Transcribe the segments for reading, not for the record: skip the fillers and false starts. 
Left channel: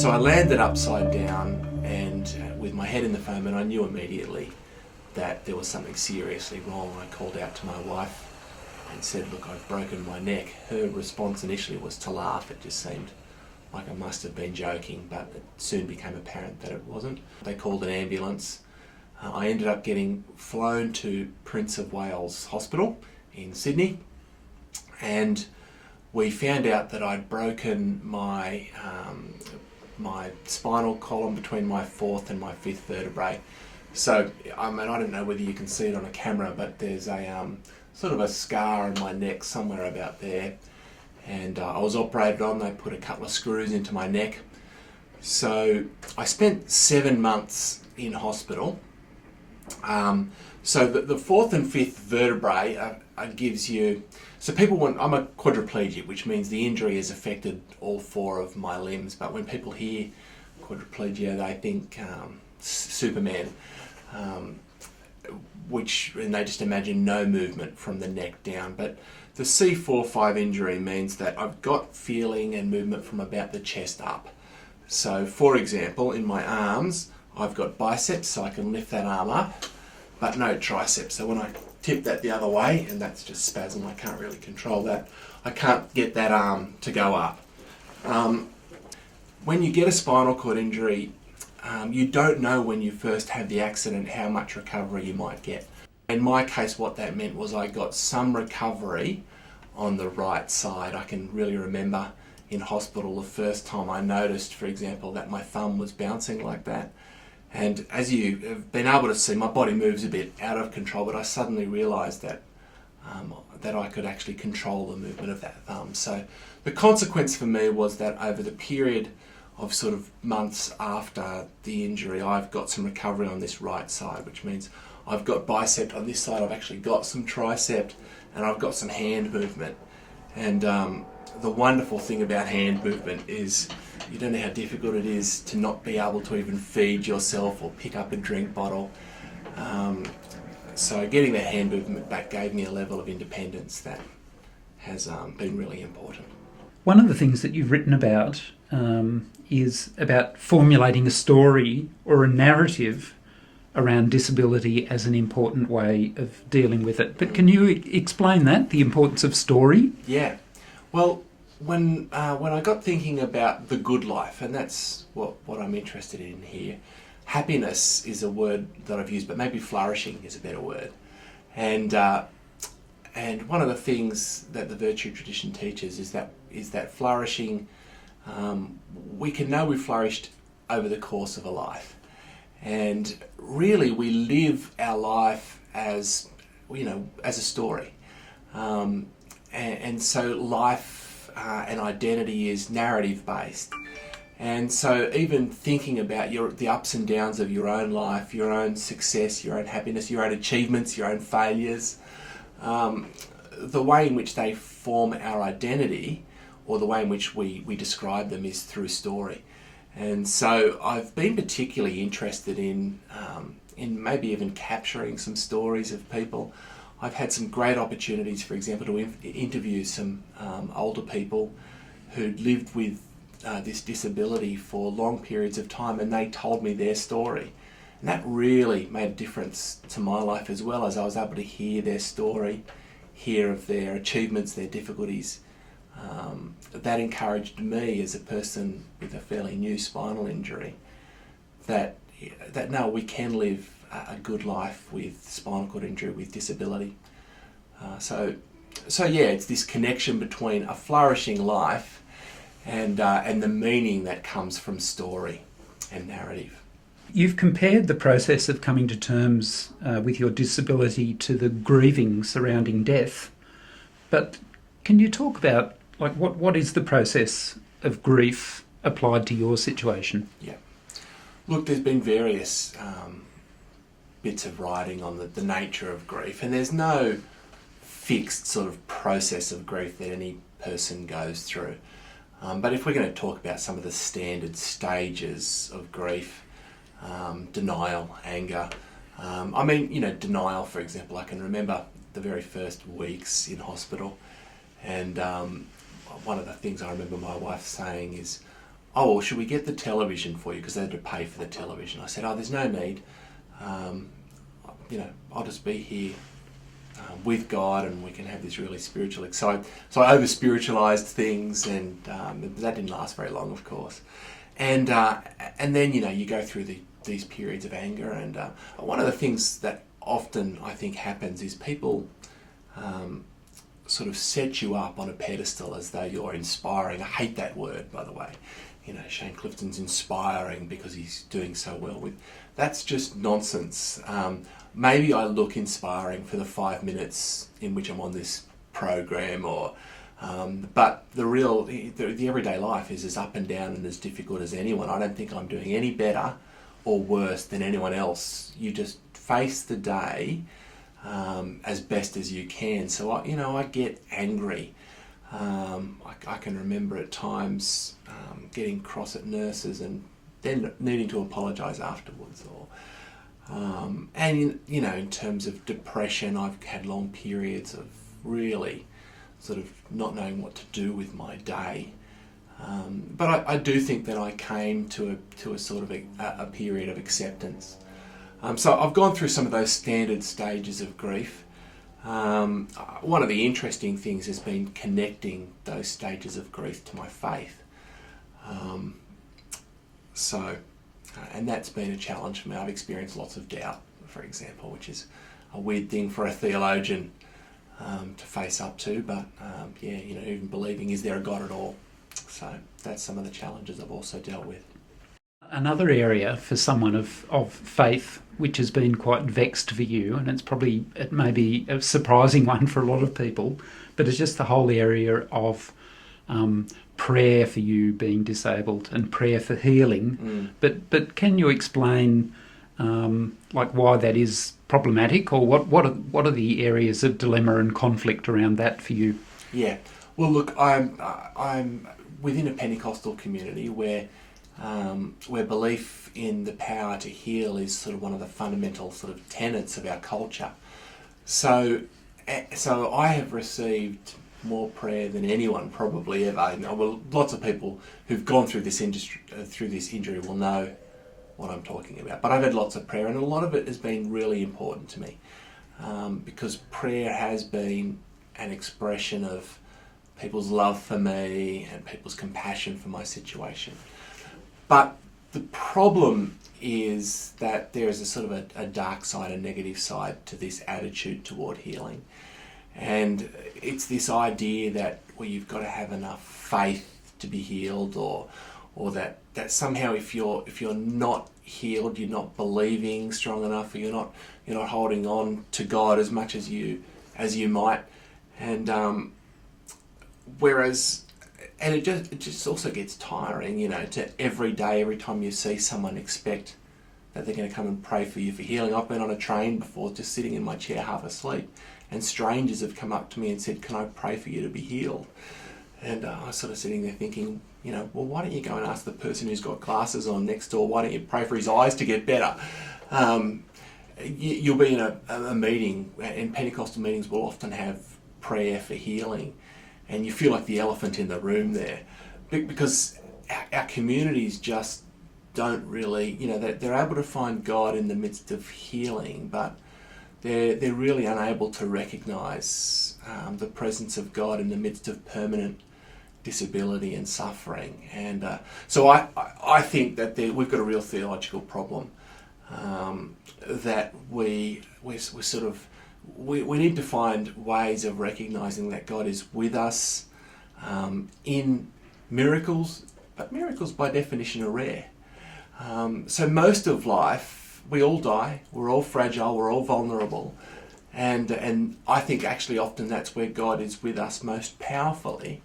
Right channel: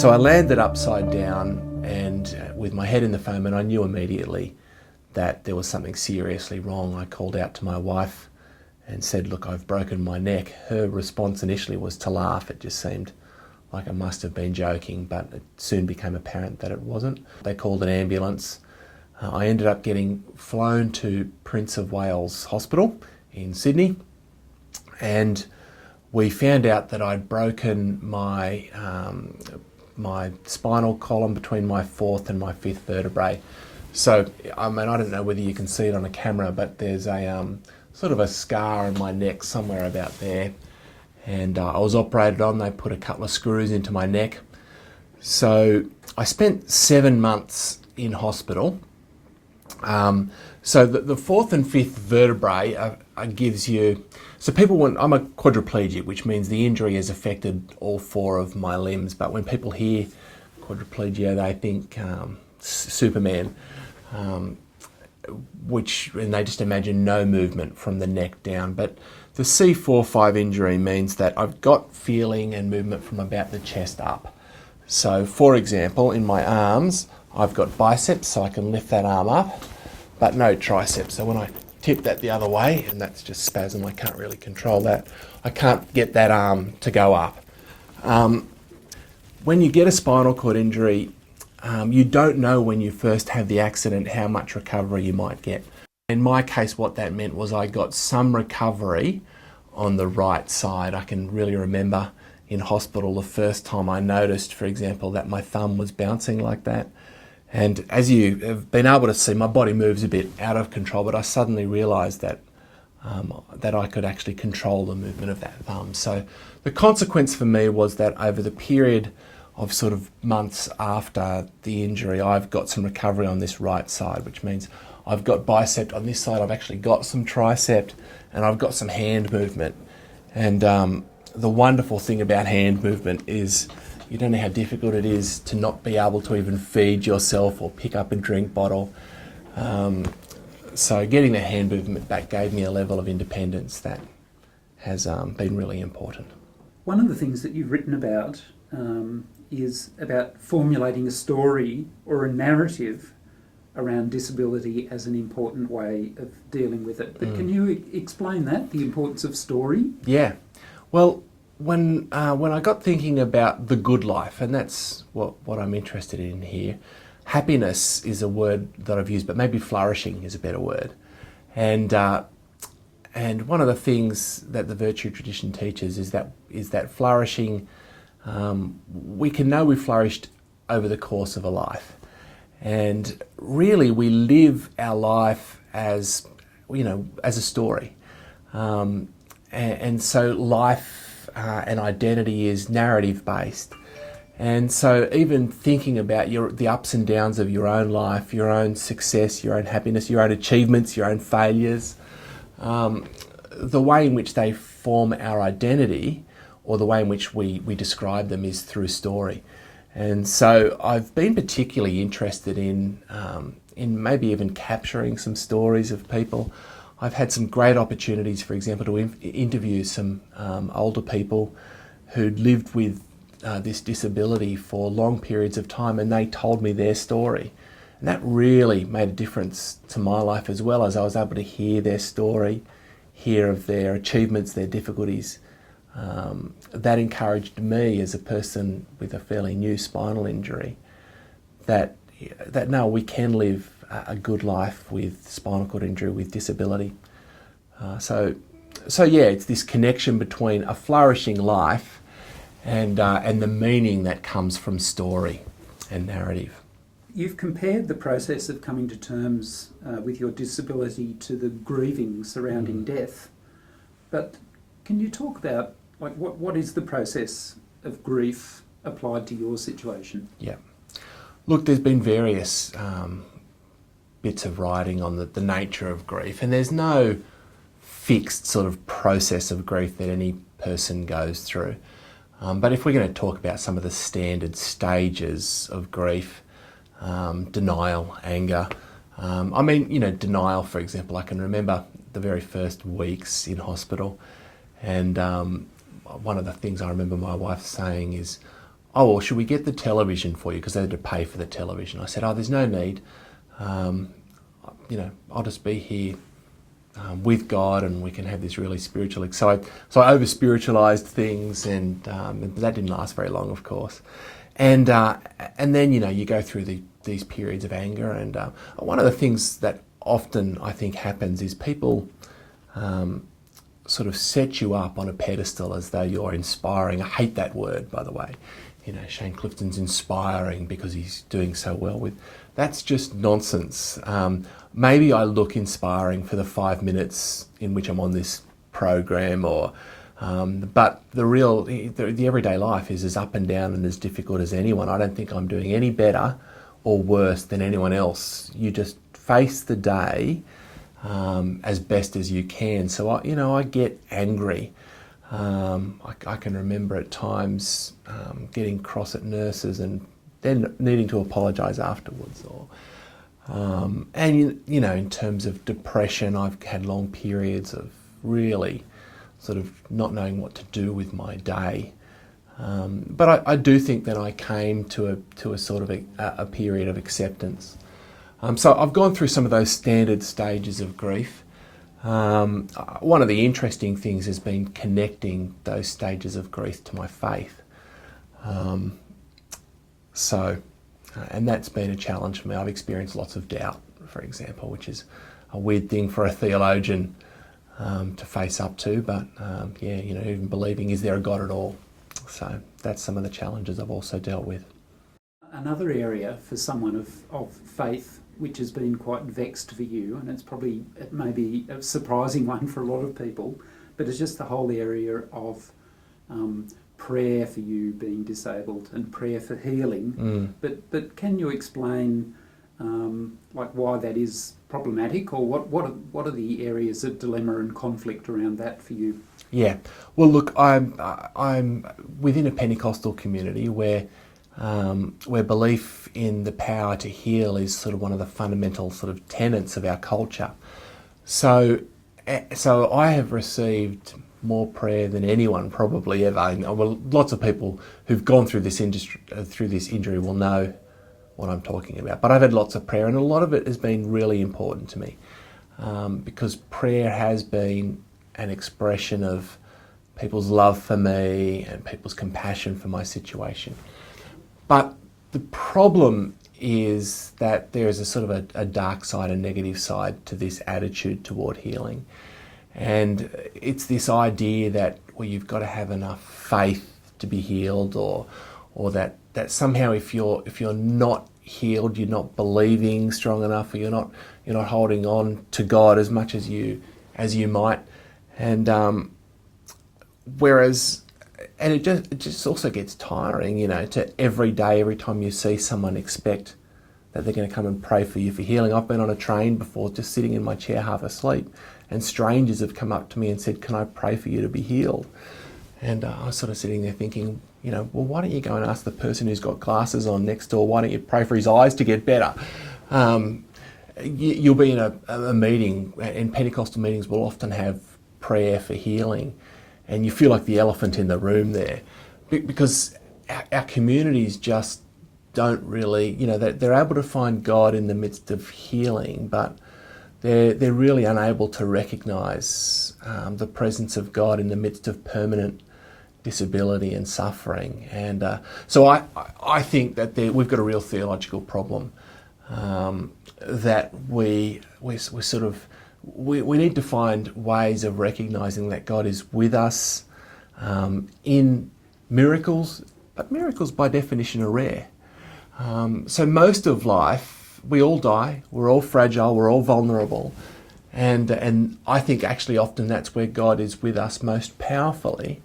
So I landed upside down and with my head in the foam, and I knew immediately that there was something seriously wrong. I called out to my wife and said, "Look, I've broken my neck." Her response initially was to laugh. It just seemed like I must have been joking, but it soon became apparent that it wasn't. They called an ambulance. I ended up getting flown to Prince of Wales Hospital in Sydney, and we found out that I'd broken my spinal column between my fourth and my fifth vertebrae. So, I mean, I don't know whether you can see it on a camera, but there's a sort of a scar on my neck somewhere about there. And I was operated on. They put a couple of screws into my neck. So I spent 7 months in hospital. So the fourth and fifth vertebrae gives you... So people want... I'm a quadriplegic, which means the injury has affected all four of my limbs. But when people hear quadriplegia, they think Superman, and they just imagine no movement from the neck down. But the C4-5 injury means that I've got feeling and movement from about the chest up. So, for example, in my arms, I've got biceps, so I can lift that arm up, but no triceps. So when I tip that the other way, and that's just spasm, I can't really control that, I can't get that arm to go up. When you get a spinal cord injury, you don't know when you first have the accident how much recovery you might get. In my case, what that meant was I got some recovery on the right side. I can really remember in hospital the first time I noticed, for example, that my thumb was bouncing like that. And as you have been able to see, my body moves a bit out of control, but I suddenly realised that I could actually control the movement of that thumb. So the consequence for me was that over the period of sort of months after the injury, I've got some recovery on this right side, which means I've got bicep on this side, I've actually got some tricep, and I've got some hand movement. And the wonderful thing about hand movement is you don't know how difficult it is to not be able to even feed yourself or pick up a drink bottle. So getting the hand movement back gave me a level of independence that has been really important. One of the things that you've written about is about formulating a story or a narrative around disability as an important way of dealing with it. But can you explain that, the importance of story? Yeah. Well, when I got thinking about the good life, and that's what I'm interested in here, happiness is a word that I've used, but maybe flourishing is a better word. And one of the things that the virtue tradition teaches is that flourishing, we can know we've flourished over the course of a life. And really we live our life as, as a story. And so life and identity is narrative based. And so even thinking about the ups and downs of your own life, your own success, your own happiness, your own achievements, your own failures, the way in which they form our identity, or the way in which we describe them, is through story. And so I've been particularly interested in maybe even capturing some stories of people. I've had some great opportunities, for example, to interview some older people who'd lived with this disability for long periods of time, and they told me their story. And that really made a difference to my life, as well as I was able to hear their story, hear of their achievements, their difficulties. That encouraged me as a person with a fairly new spinal injury that no, we can live a good life with spinal cord injury, with disability. So yeah, it's this connection between a flourishing life and the meaning that comes from story and narrative. You've compared the process of coming to terms with your disability to the grieving surrounding death. But can you talk about what is the process of grief applied to your situation? Yeah. Look, there's been various bits of writing on the nature of grief, and there's no fixed sort of process of grief that any person goes through. But if we're going to talk about some of the standard stages of grief, denial, anger. Denial, for example, I can remember the very first weeks in hospital, and one of the things I remember my wife saying is, oh, well, should we get the television for you? Because they had to pay for the television. I said, oh, there's no need. I'll just be here with God, and we can have this really spiritual. So I over spiritualized things, and that didn't last very long, of course. And then you go through these periods of anger, and one of the things that often I think happens is people sort of set you up on a pedestal as though you're inspiring. I hate that word, by the way. Shane Clifton's inspiring because he's doing so well with. That's just nonsense. Maybe I look inspiring for the 5 minutes in which I'm on this program, but the everyday life is as up and down and as difficult as anyone. I don't think I'm doing any better or worse than anyone else. You just face the day as best as you can. So I get angry. I can remember at times getting cross at nurses and then needing to apologise afterwards. In terms of depression, I've had long periods of really sort of not knowing what to do with my day. But I do think that I came to a sort of a period of acceptance. So I've gone through some of those standard stages of grief. One of the interesting things has been connecting those stages of grief to my faith. And that's been a challenge for me. I've experienced lots of doubt, for example, which is a weird thing for a theologian to face up to. But even believing, is there a God at all? So that's some of the challenges I've also dealt with. Another area for someone of faith, which has been quite vexed for you, and it may be a surprising one for a lot of people, but it's just the whole area of prayer for you being disabled and prayer for healing. But can you explain why that is problematic, or what are the areas of dilemma and conflict around that for you? Yeah, well, look, I'm within a Pentecostal community where belief in the power to heal is sort of one of the fundamental sort of tenets of our culture. So I have received more prayer than anyone probably ever. Well, lots of people who've gone through this injury will know what I'm talking about. But I've had lots of prayer, and a lot of it has been really important to me because prayer has been an expression of people's love for me and people's compassion for my situation. But the problem is that there is a sort of a dark side, a negative side to this attitude toward healing. And it's this idea that you've got to have enough faith to be healed, or that somehow if you're not healed, you're not believing strong enough, or you're not holding on to God as much as you might. And it just also gets tiring, to every day, every time you see someone, expect that they're going to come and pray for you for healing. I've been on a train before, just sitting in my chair half asleep, and strangers have come up to me and said, "Can I pray for you to be healed?" And I was sort of sitting there thinking, well, why don't you go and ask the person who's got glasses on next door, why don't you pray for his eyes to get better? You'll be in a meeting, and Pentecostal meetings will often have prayer for healing, and you feel like the elephant in the room there, because our communities just don't really, they're able to find God in the midst of healing, but they're really unable to recognise the presence of God in the midst of permanent disability and suffering. And so I think that we've got a real theological problem that we need to find ways of recognising that God is with us in miracles, but miracles by definition are rare. So most of life, we all die, we're all fragile, we're all vulnerable, and I think actually often that's where God is with us most powerfully.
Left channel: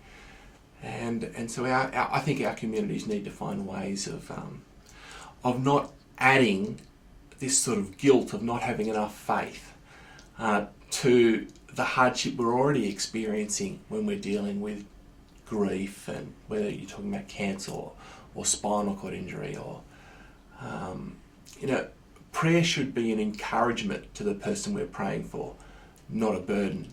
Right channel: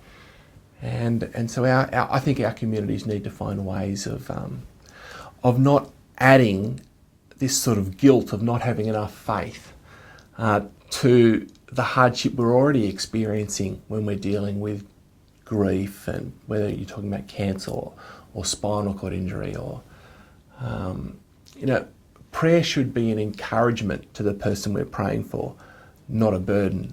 And so I think our communities need to find ways of not adding this sort of guilt of not having enough faith to the hardship we're already experiencing when we're dealing with grief, and whether you're talking about cancer or spinal cord injury, or prayer should be an encouragement to the person we're praying for, not a burden.